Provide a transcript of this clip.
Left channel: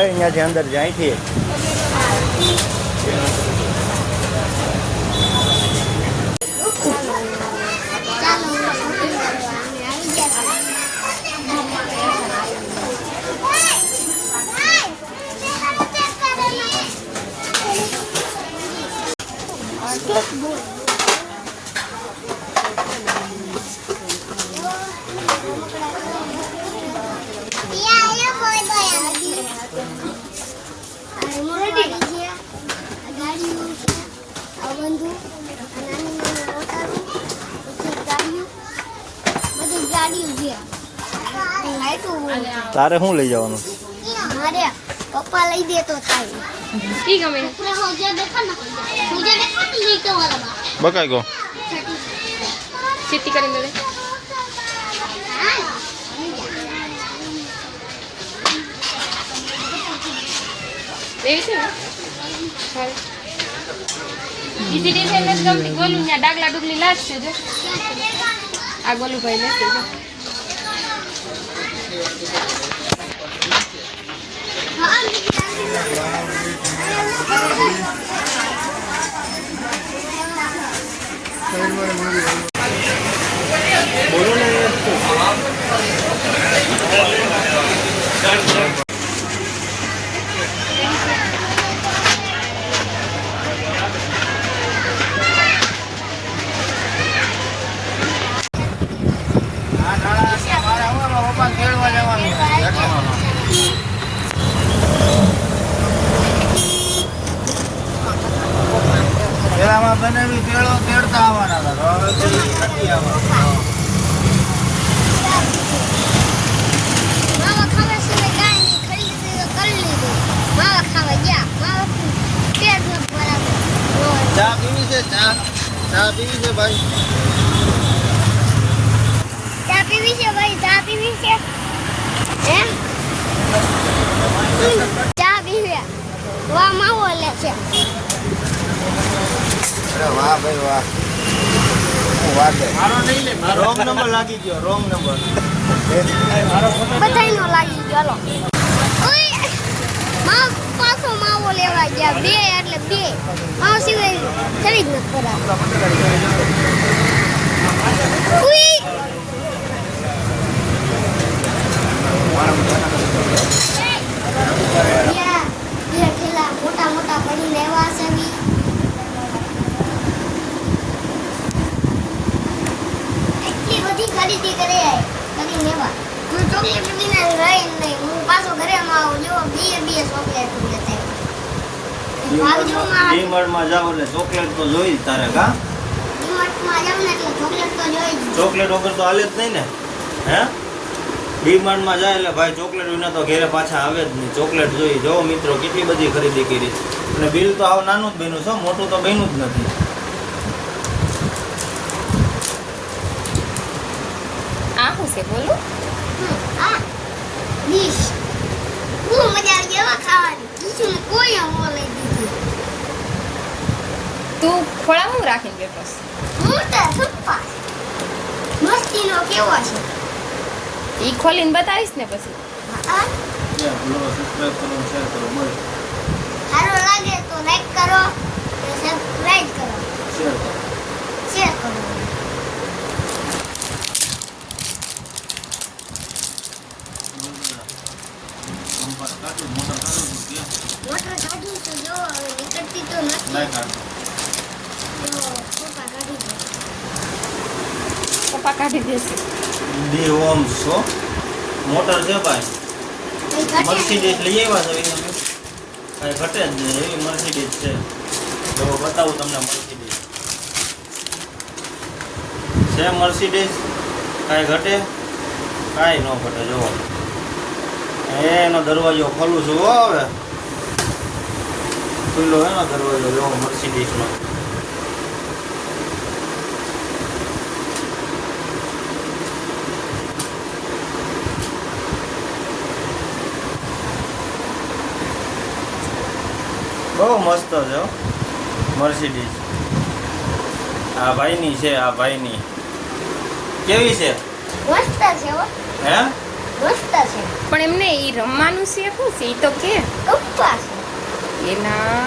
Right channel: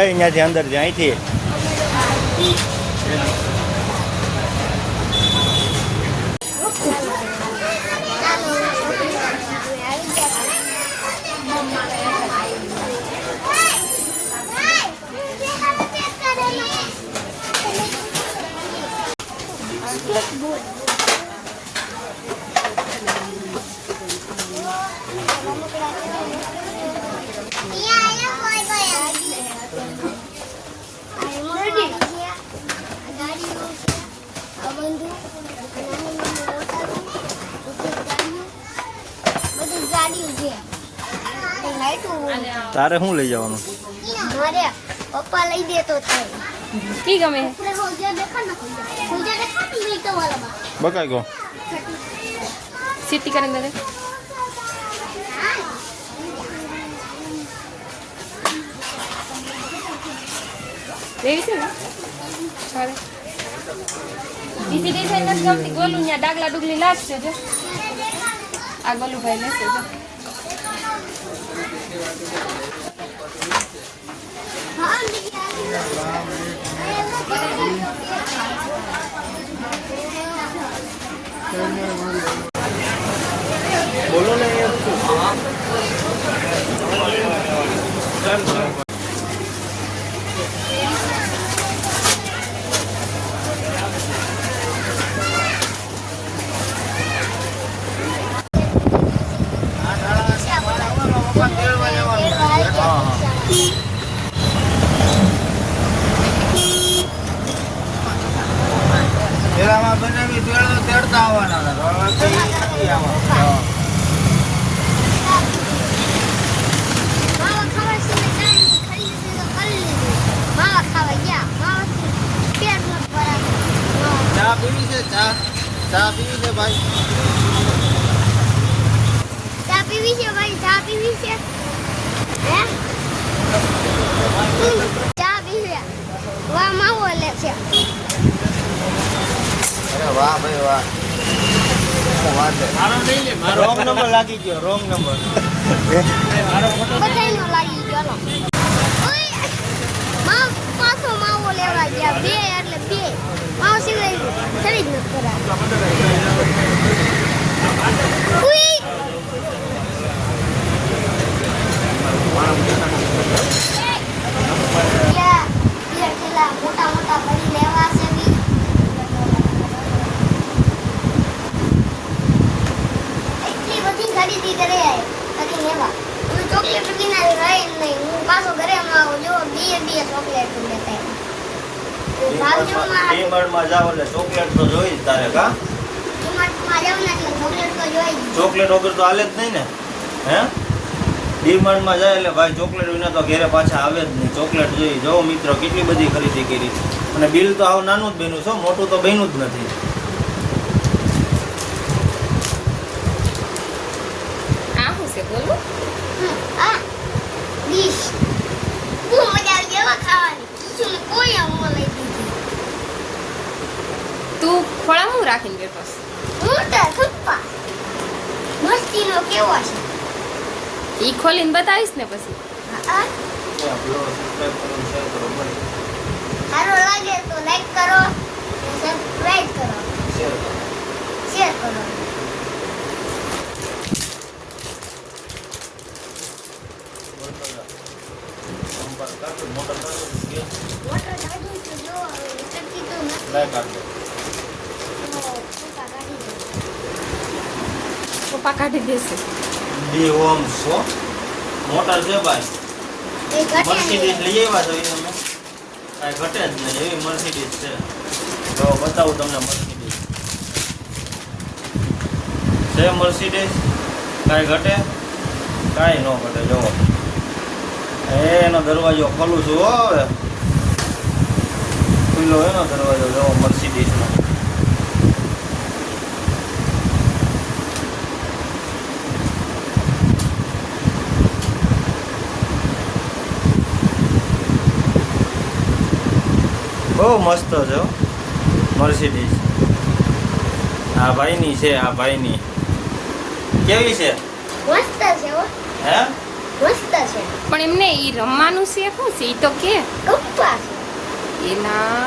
અહીંયાથી અંદર અહીંથી તારે શું લઈ જવાનું? પપ્પા લઈ દે તો થાય. ઠીક અમે બકાઈ ગયો સિટી કરીને દે. દેવી છે ને સારી બીજી ડિઝાઇન નથી ગમતી. ગોલું ત્યાં ડાકલા ડુગલી લાગશે જો. આ ગોલુભાઈ લેશે જો. બોલો ને બનાવી તેડતા આવવાના ચા પીવી છે? ચા પીવી છે ભાઈ? ચા પીવી છે ભાઈ? ચા પીવી છે? હે ચા પીવી? વાહ માવો લે છે. અરે વાહ ભાઈ વાહ. રોંગ નંબર લાગી ગયો. રોંગ નંબર બધાયનો લાગી ગયો. ઓય માં પાછો માવો લેવા ગયા. બે એટલે બે માવો સિવાય ખરીદ ન મોટા મોટા ભરી લેવા છે. એટલી બધી ખરીદી કરે કરી લેવા. હું ચોકલેટ વિના રહી નહીં. હું પાછો ઘરે આવો જો બે ચોકલેટ લેતા ડીમાર્ટમાં જાવ એટલે ચોકલેટ તો જોઈ જ તારે. કા ડીમાર્ટમાં જાવ ને એટલે ચોકલેટ તો જોઈ જ. ચોકલેટ વગર તો હાલે જ નહીં ને. હે ડીમાર્ટમાં જાય એટલે ભાઈ ચોકલેટ વિના તો ઘરે પાછા આવે જ નહીં. ચોકલેટ જોઈ. જો મિત્રો કેટલી બધી ખરીદી કરી અને બિલ તો આવ નાનું જ બન્યું છે. મોટું તો બન્યું જ નથી. આ શું છે બોલો? હા ડીશ બહુ મજા આવી ગઈ ખાવાની. ઈસુને કોઈ આવો લઈ દીધી. તું ફળા હું રાખીને બેઠો? મોટા થપ્પા મસ્તીનો કેવો છે? ઈ ખોલીને બતાવીશ ને પછી. હા સબસ્ક્રાઇબ કરો, શેર કરો, બોલ. સારો લાગે તો લાઈક કરો અને સબસ્ક્રાઇબ કરો, શેર કરો. શેર કરો. સંપર્ક કાઢો, મોટર કાઢો, કે મોટર કાઢી તો જો એટલી તો નથી. લાઈક આપજો. તો પપ્પા કાઢી દે. પપ્પા કાઢી દેશે. ડી ઓમ્સ હો. મોટર છે ભાઈ. એ ઘટે મર્સિડીઝ નહીં. લઈ આવ્યા છો એને કાંઈ ઘટે જ નહીં. એવી મર્સિડીઝ છે. તો બતાવું તમને મર્સિડીઝ છે. મર્સિડીઝ કાંઈ ઘટે? કાંઈ ન ઘટે. જુઓ એનો દરવાજો ખોલું છું. હો હવે ખુલ્લો એનો દરવાજો જુઓ મર્સિડીઝનો. બહુ મસ્ત છે હો મર્સિડીઝ. આ ભાઈની છે. આ ભાઈની કેવી છે? મસ્ત છે હો. હે મસ્ત છે પણ એમને ઈ રમવાનું શીખવું છે ઈ તો કે કપ્પા છે એના